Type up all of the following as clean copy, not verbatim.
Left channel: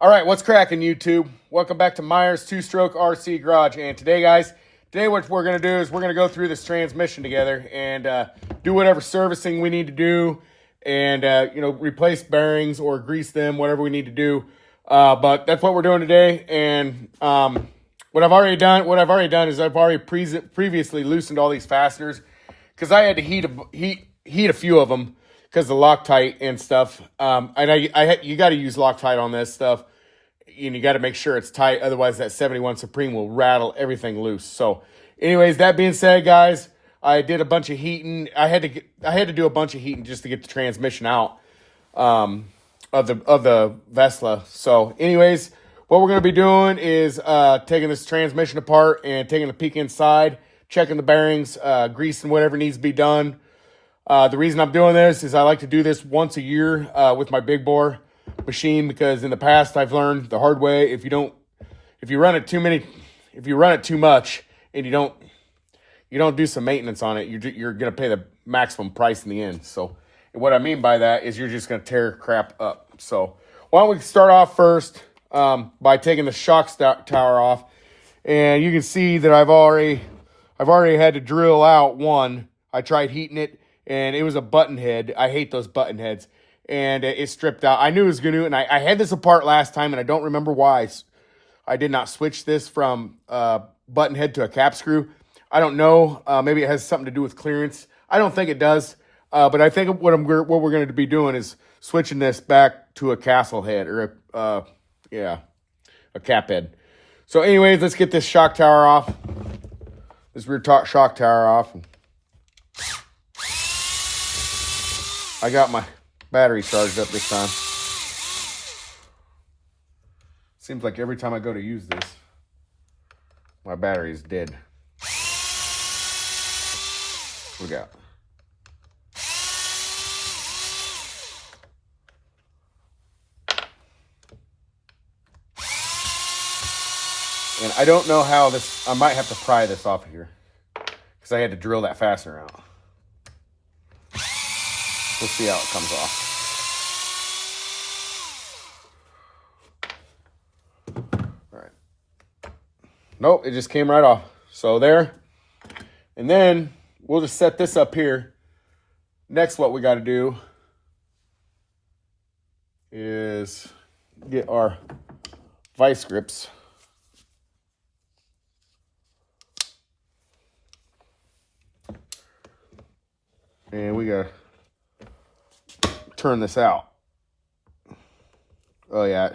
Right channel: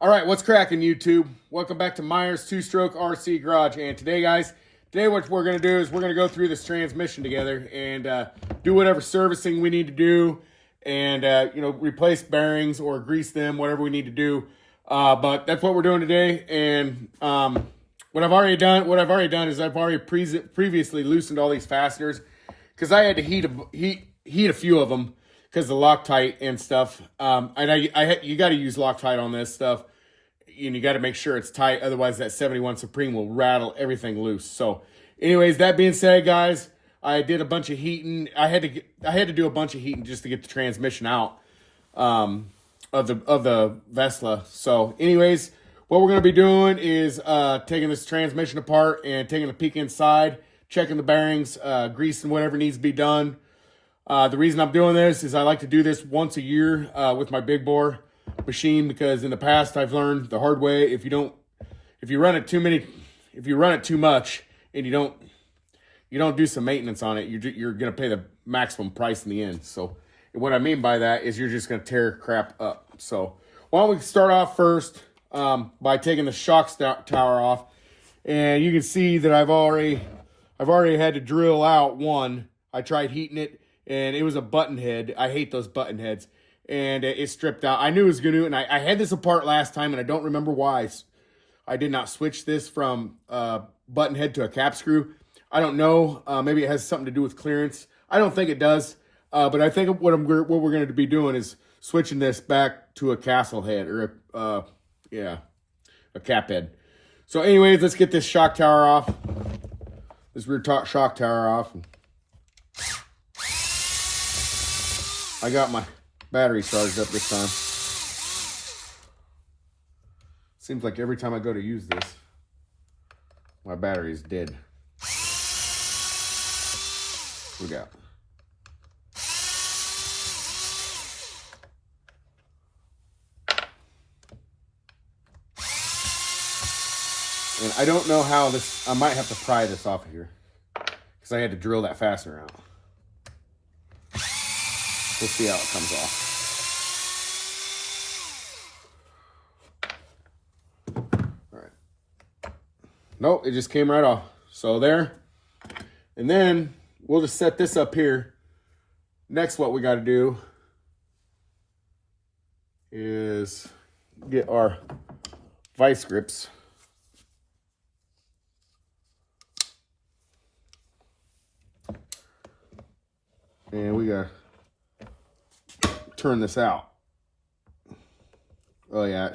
All right, what's cracking, YouTube? Welcome back to Myers Two-Stroke RC Garage. And today, guys, what we're going to do is we're going to go through this transmission together and do whatever servicing we need to do and, replace bearings or grease them, whatever we need to do. But that's what we're doing today. And what I've already done is I've already previously loosened all these fasteners because I had to heat a few of them because the Loctite and stuff. And you got to use Loctite on this stuff. And you got to make sure it's tight, otherwise that 71 Supreme will rattle everything loose. So, anyways, that being said, guys, I did a bunch of heating. I had to do a bunch of heating just to get the transmission out of the Vesla. So, anyways, what we're gonna be doing is taking this transmission apart and taking a peek inside, checking the bearings, greasing whatever needs to be done. The reason I'm doing this is I like to do this once a year with my big bore machine, because in the past I've learned the hard way, if you run it too much and you don't do some maintenance on it, you're gonna pay the maximum price in the end. So what I mean by that is you're just gonna tear crap up. So why don't we start off first by taking the shock tower off, and you can see that I've already had to drill out one. I tried heating it and it was a button head. I hate those button heads. And it stripped out. I knew it was going to, and I had this apart last time, and I don't remember why I did not switch this from button head to a cap screw. I don't know. Maybe it has something to do with clearance. I don't think it does. But I think what we're going to be doing is switching this back to a castle head, or a cap head. So anyways, let's get this shock tower off. This rear shock tower off. I got my battery charged up this time. Seems like every time I go to use this, my battery is dead. What we got? And I don't know how this, I might have to pry this off of here because I had to drill that fastener out. We'll see how it comes off. All right. Nope, it just came right off. So there. And then we'll just set this up here. Next, what we got to do is get our vice grips. And we got to turn this out. Oh yeah,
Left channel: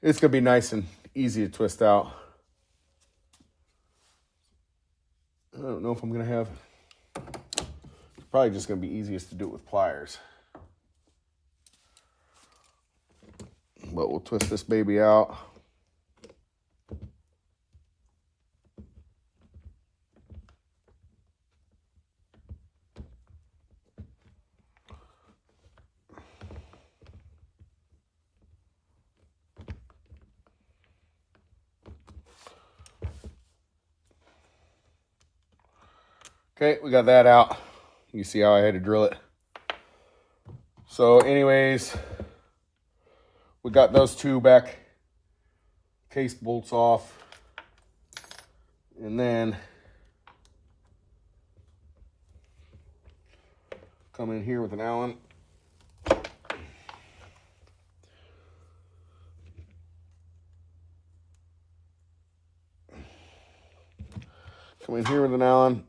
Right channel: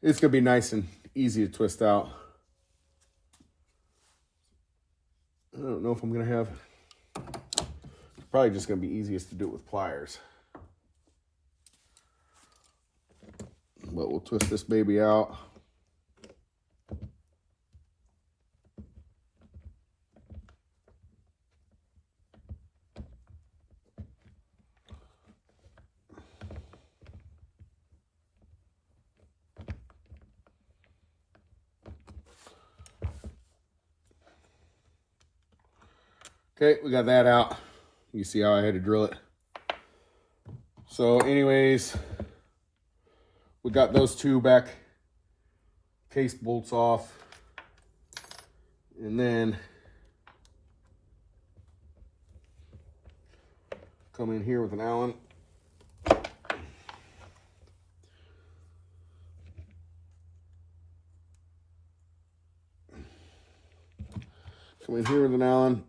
it's gonna be nice and easy to twist out. I don't know if I'm gonna have, it's probably just gonna be easiest to do it with pliers, but we'll twist this baby out. Okay, we got that out. You see how I had to drill it. So anyways, we got those two back case bolts off. And then come in here with an Allen. Come in here with an Allen.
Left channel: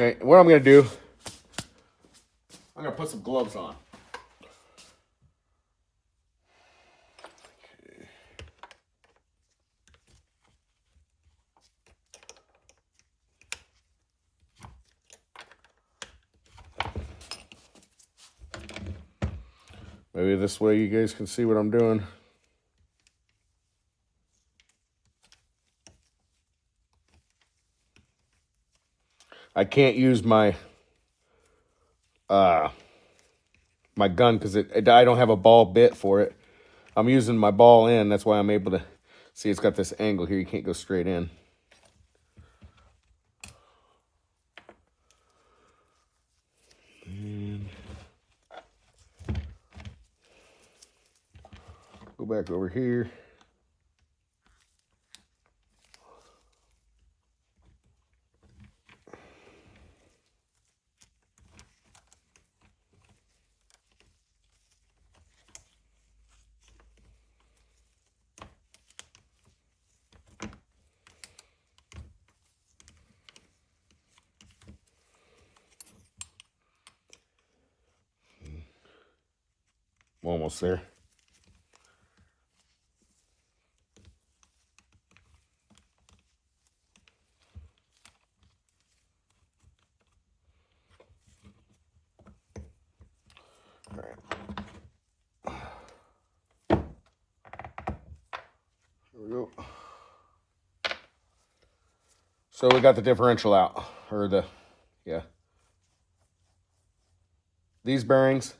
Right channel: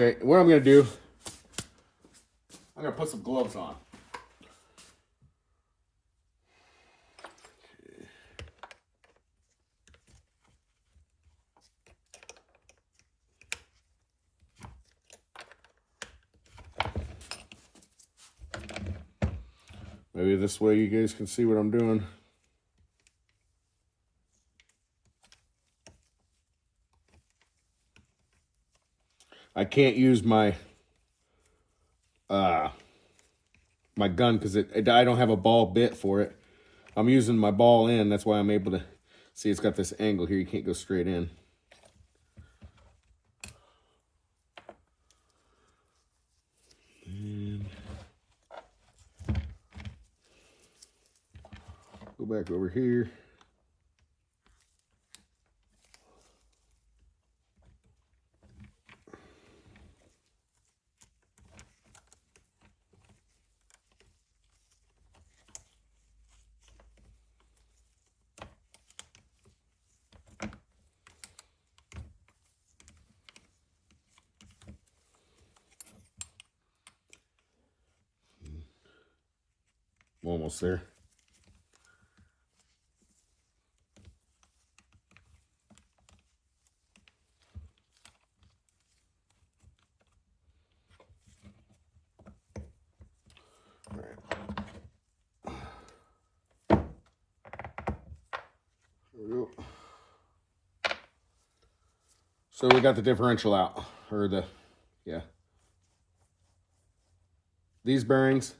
Okay, what I'm going to do, I'm going to put some gloves on. Okay. Maybe this way you guys can see what I'm doing. I can't use my my gun because I don't have a ball bit for it. I'm using my ball end. That's why I'm able to see it's got this angle here. You can't go straight in. And back over here. Almost there. All right. Here we go. So we got the differential out, or yeah. These bearings.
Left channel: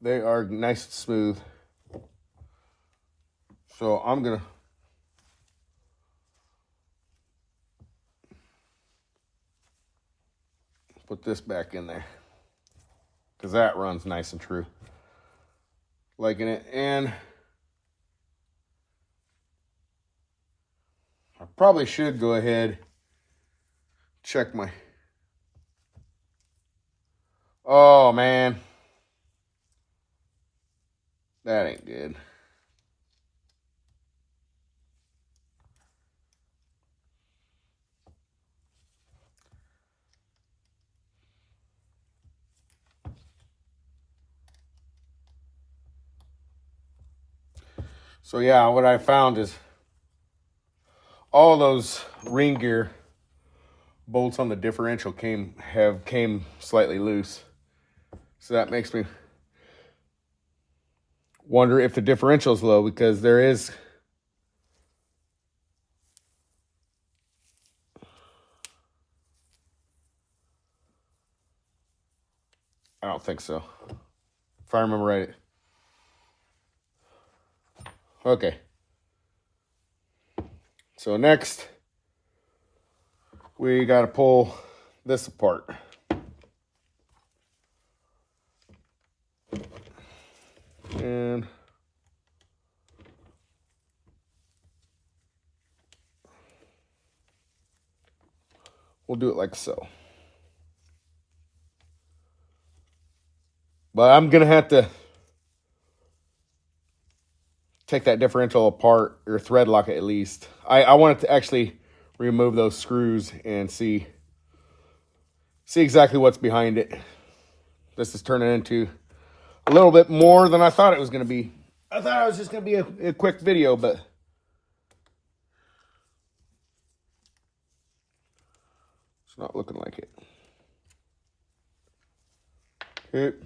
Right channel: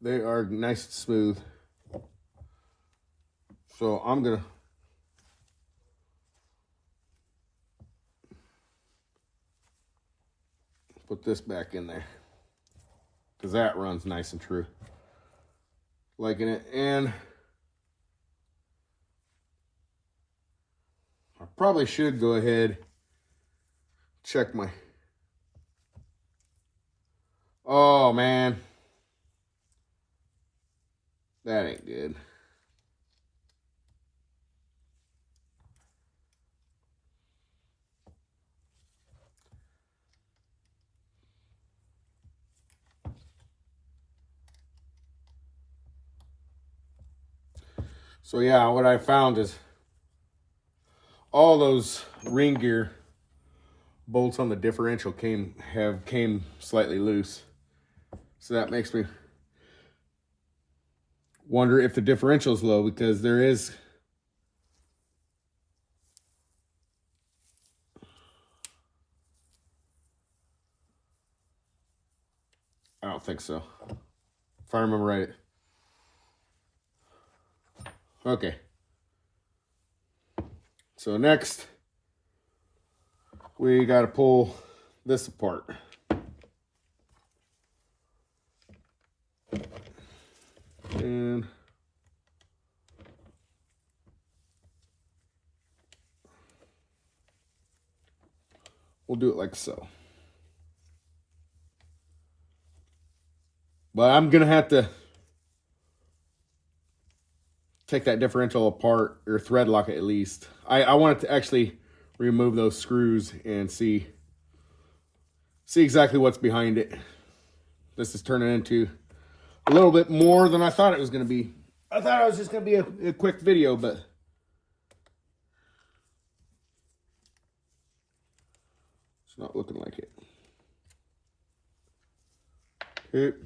They are nice and smooth. So I'm gonna put this back in there because that runs nice and true. Liking it. And I probably should go ahead, check my, oh man, that ain't good. So yeah, what I found is all those ring gear bolts on the differential came slightly loose. So that makes me wonder if the differential's low, because there is I don't think so. If I remember right. Okay. So next, we got to pull this apart. And we'll do it like so. But I'm going to have to take that differential apart, or thread lock it at least. I wanted to actually remove those screws and see exactly what's behind it. This is turning into a little bit more than I thought it was going to be. I thought it was just going to be a quick video, but it's not looking like it. Okay.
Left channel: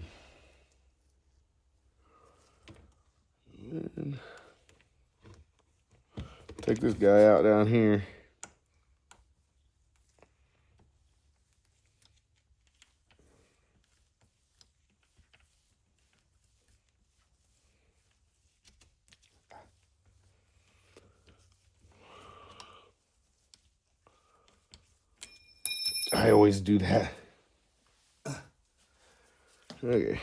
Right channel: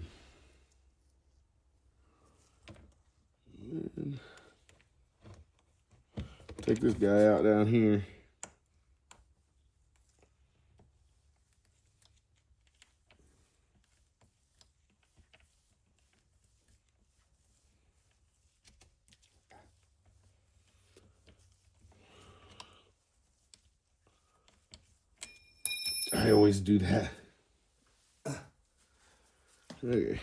And take this guy out down here. I always do that. Okay.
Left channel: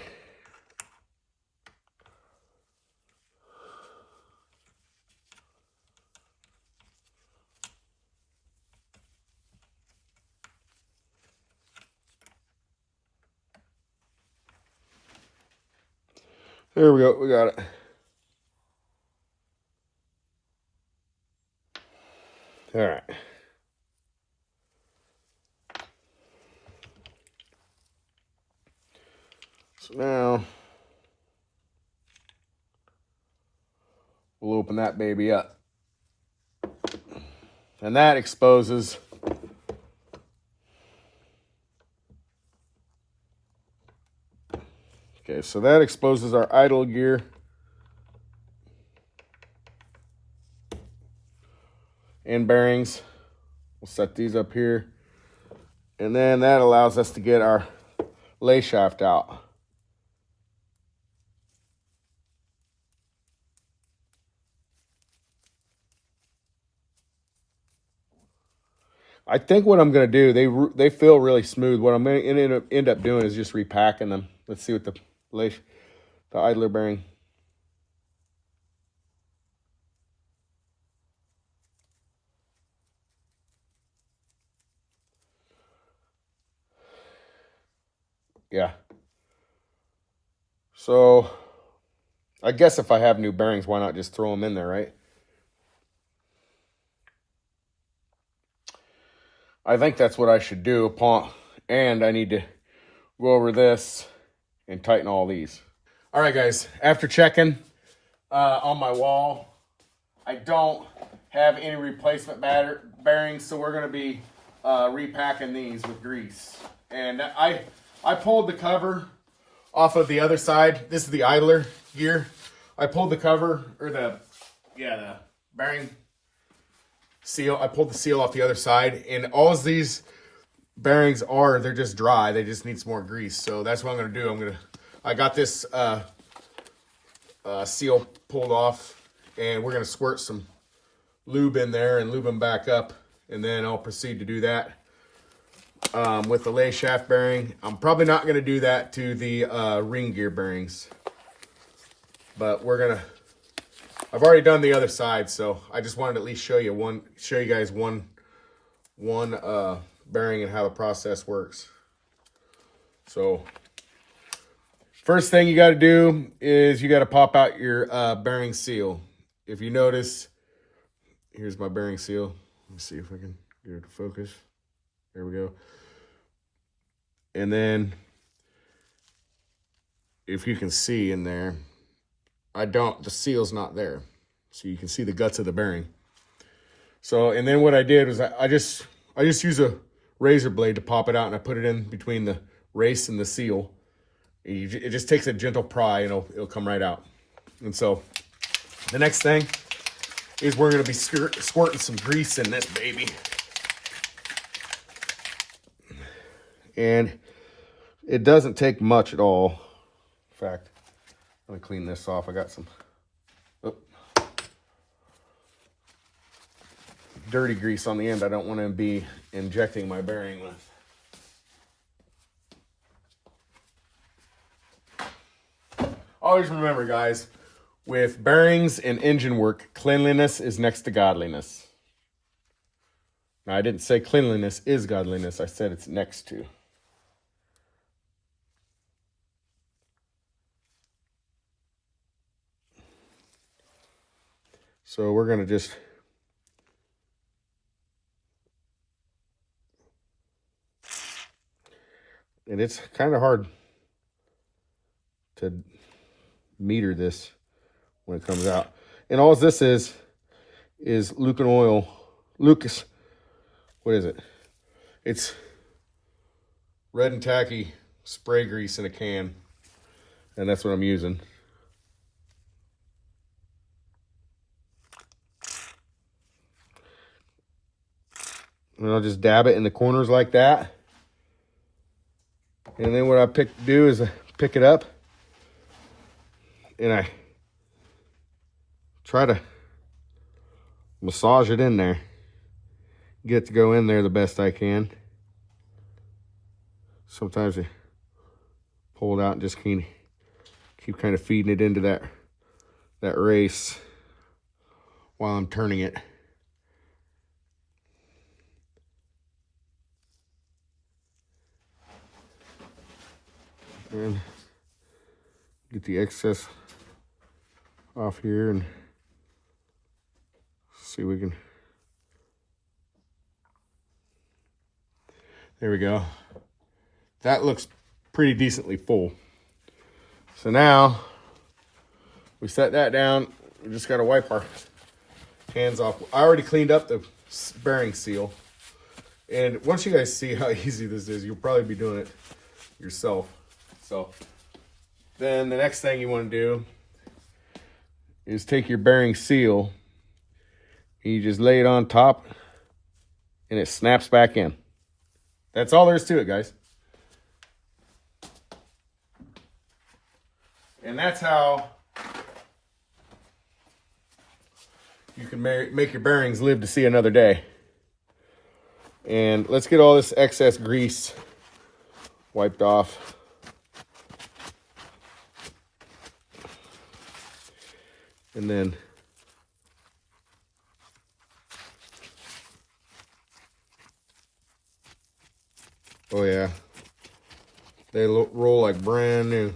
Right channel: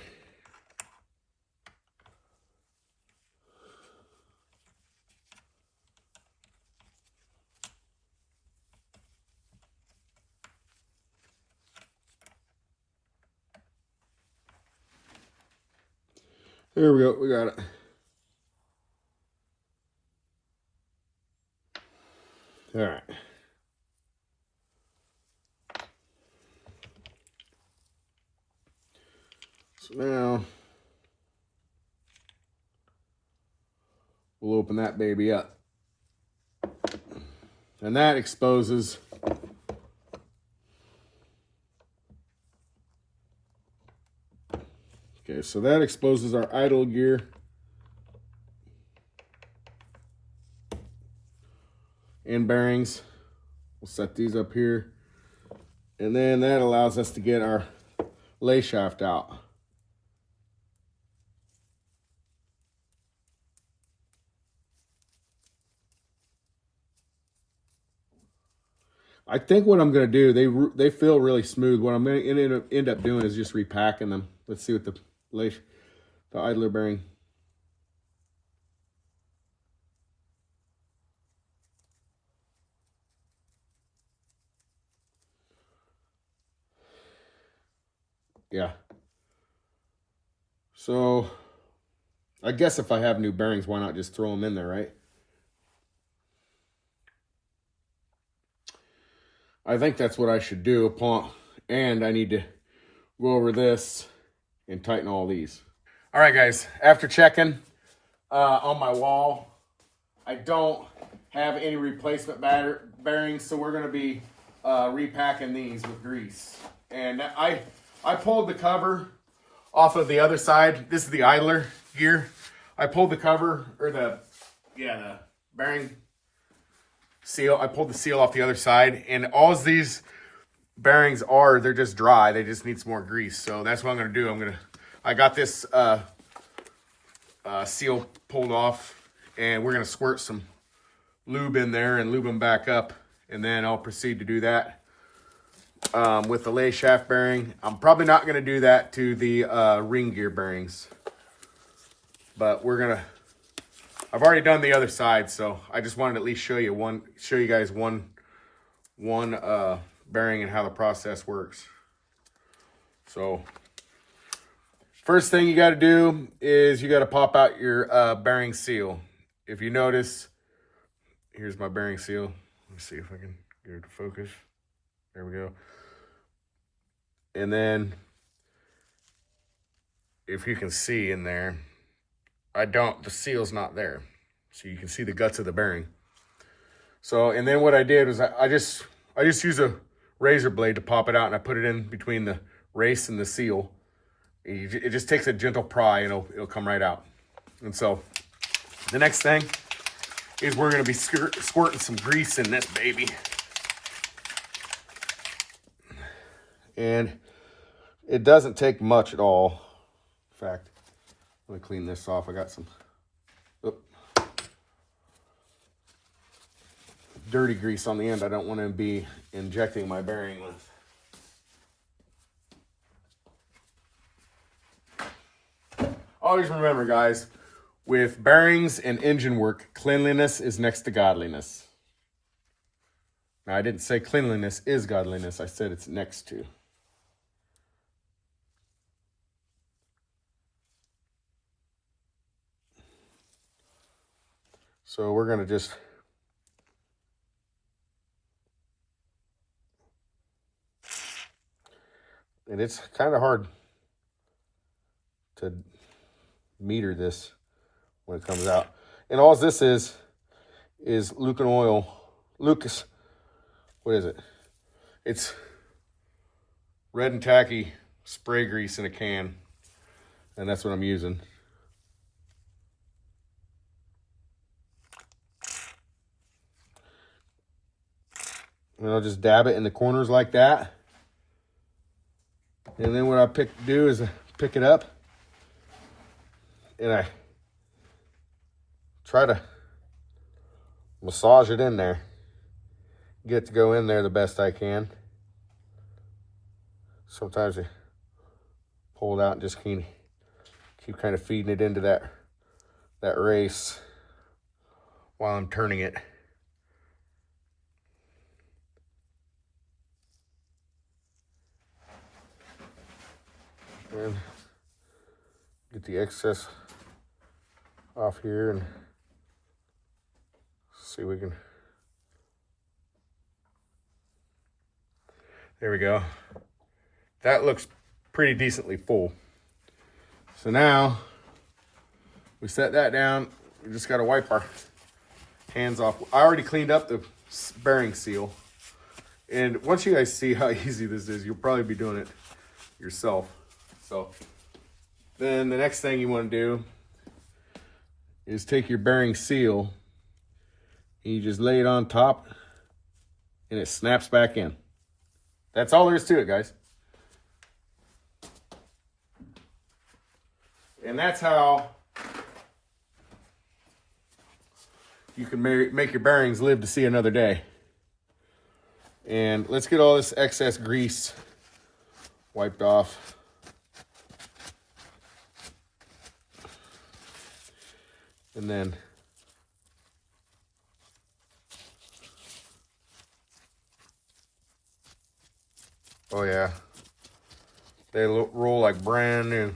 There we go. We got it. All right. So now we'll open that baby up. And that exposes okay, so that exposes our idle gear. And bearings. We'll set these up here. And then that allows us to get our lay shaft out. I think what I'm going to do, they feel really smooth. What I'm going to end up doing is just repacking them. Let's see what the idler bearing. Yeah. So I guess if I have new bearings, why not just throw them in there, right? I think that's what I should do and I need to go over this and tighten all these. All right, guys, after checking on my wall, I don't have any replacement bearings, so we're going to be repacking these with grease. And I pulled the cover off of the other side. This is the idler gear. I pulled the cover, or the bearing seal. I pulled the seal off the other side, and all these bearings they're just dry. They just need some more grease. So that's what I'm going to do. I got this seal pulled off, and we're going to squirt some lube in there and lube them back up, and then I'll proceed to do that with the lay shaft bearing. I'm probably not going to do that to the ring gear bearings, but I've already done the other side, so I just wanted to at least show you guys one bearing and how the process works. So first thing you got to do is you got to pop out your bearing seal. If you notice, here's my bearing seal. Let me see if I can get it to focus. There we go. And then if you can see in there, the seal's not there. So you can see the guts of the bearing. So, and then what I did was I just use a razor blade to pop it out, and I put it in between the race and the seal. It just takes a gentle pry, and it'll come right out. And so the next thing is we're going to be squirting some grease in this baby. And it doesn't take much at all. In fact, let me clean this off. I got some dirty grease on the end I don't want to be injecting my bearing with. Always remember, guys, with bearings and engine work, cleanliness is next to godliness. Now, I didn't say cleanliness is godliness. I said it's next to. So we're going to just and it's kind of hard to meter this when it comes out. And all this is Lucas oil. Lucas, what is it? It's red and tacky spray grease in a can. And that's what I'm using. And I'll just dab it in the corners like that. And then what I do is I pick it up and I try to massage it in there. Get it to go in there the best I can. Sometimes I pull it out and just keep kind of feeding it into that race while I'm turning it. And get the excess off here and see if we can. There we go. That looks pretty decently full. So now we set that down. We just got to wipe our hands off. I already cleaned up the bearing seal. And once you guys see how easy this is, you'll probably be doing it yourself. So then the next thing you want to do is take your bearing seal and you just lay it on top and it snaps back in. That's all there is to it, guys. And that's how you can make your bearings live to see another day. And let's get all this excess grease wiped off. And then oh yeah, they roll like brand new.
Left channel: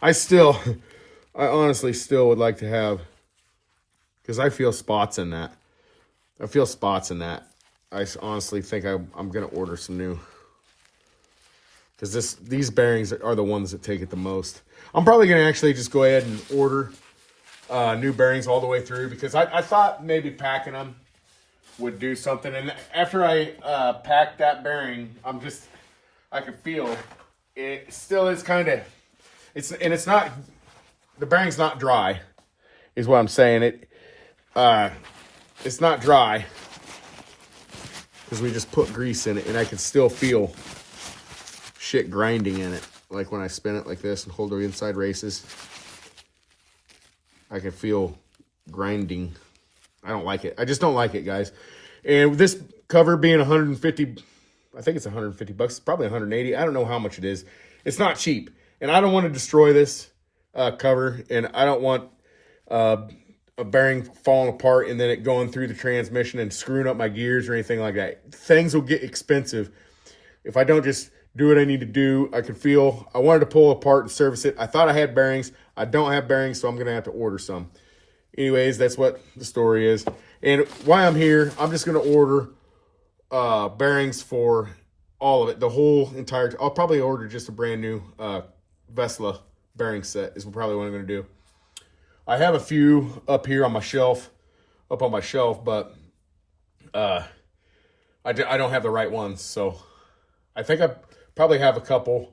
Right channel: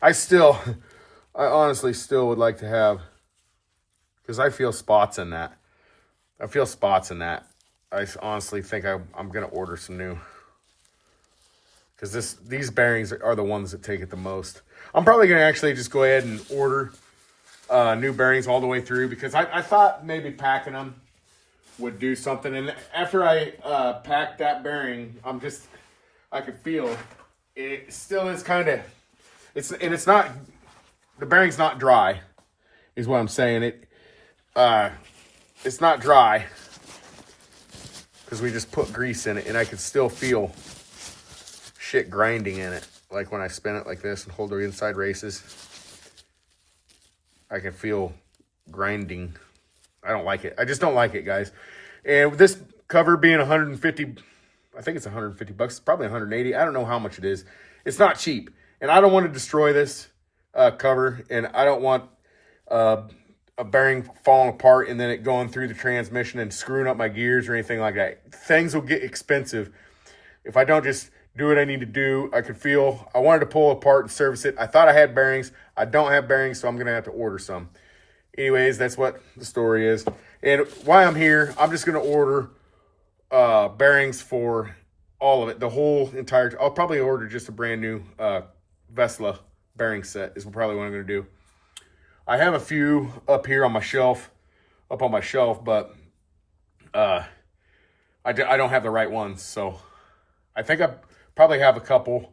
I honestly still would like to have, because I feel spots in that. I honestly think I'm gonna order some new, because these bearings are the ones that take it the most. I'm probably gonna actually just go ahead and order new bearings all the way through, because I thought maybe packing them would do something. And after I packed that bearing, I could feel it still is kind of, it's not, the bearing's not dry, is what I'm saying. It's not dry, because we just put grease in it, and I can still feel shit grinding in it. Like when I spin it like this and hold the inside races, I can feel grinding. I don't like it. I just don't like it, guys. And this cover being 150, I think it's 150 bucks. It's probably 180. I don't know how much it is. It's not cheap. And I don't want to destroy this cover. And I don't want a bearing falling apart and then it going through the transmission and screwing up my gears or anything like that. Things will get expensive if I don't just do what I need to do. I wanted to pull it apart and service it. I thought I had bearings. I don't have bearings, so I'm going to have to order some. Anyways, that's what the story is. And while I'm here, I'm just going to order bearings for all of it. The whole entire, I'll probably order just a brand new Vesla bearing set is probably what I'm going to do. I have a few up here on my shelf, but I don't have the right ones. So I think I probably have a couple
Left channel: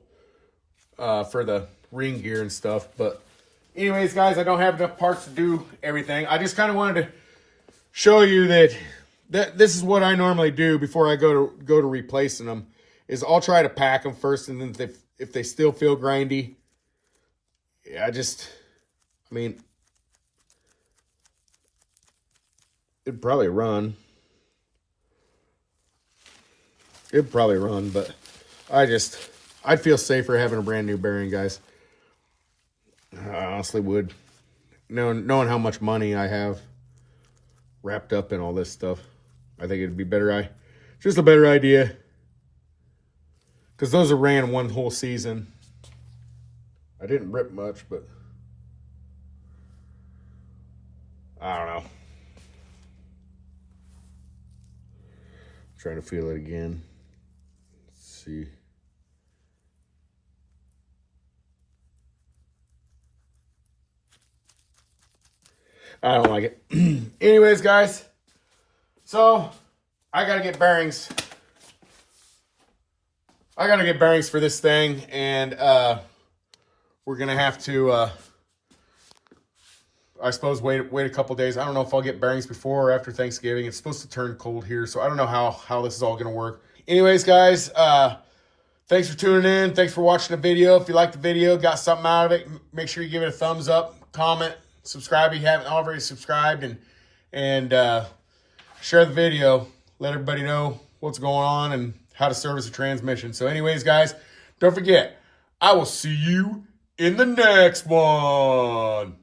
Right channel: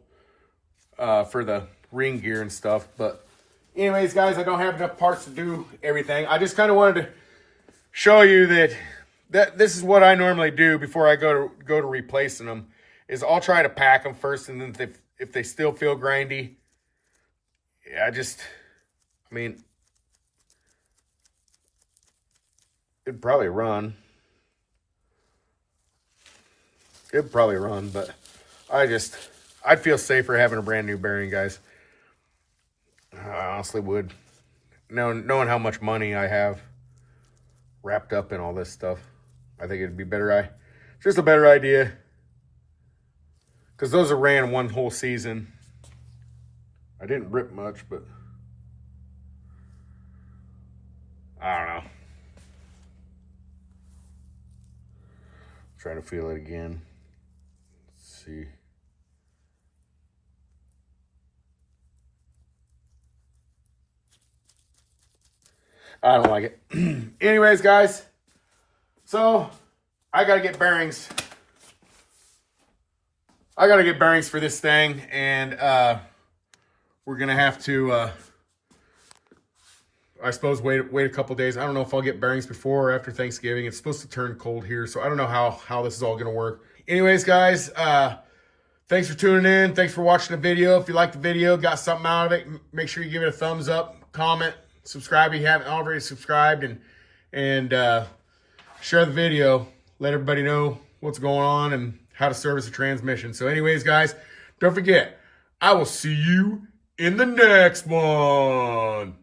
for the ring gear and stuff. But anyways, guys, I don't have enough parts to do everything. I just kind of wanted to show you that this is what I normally do before I go to replacing them. Is I'll try to pack them first, and then if they still feel grindy, yeah, I mean, it'd probably run. But I'd feel safer having a brand new bearing, guys. I honestly would. Knowing how much money I have wrapped up in all this stuff, I think it'd be just a better idea. Because those are ran one whole season. I didn't rip much, but I don't know. Try to feel it again. Let's see. I don't like it. Anyways, guys, so I gotta get bearings. For this thing, and we're gonna have to, I suppose, wait a couple days. I don't know if I'll get bearings before or after Thanksgiving. It's supposed to turn cold here, so I don't know how this is all gonna work. Anyways, guys, thanks for tuning in. Thanks for watching the video. If you liked the video, got something out of it, make sure you give it a thumbs up, comment, subscribe if you haven't already subscribed, and share the video. Let everybody know what's going on and how to service a transmission. So anyways, guys, don't forget, I will see you in the next one.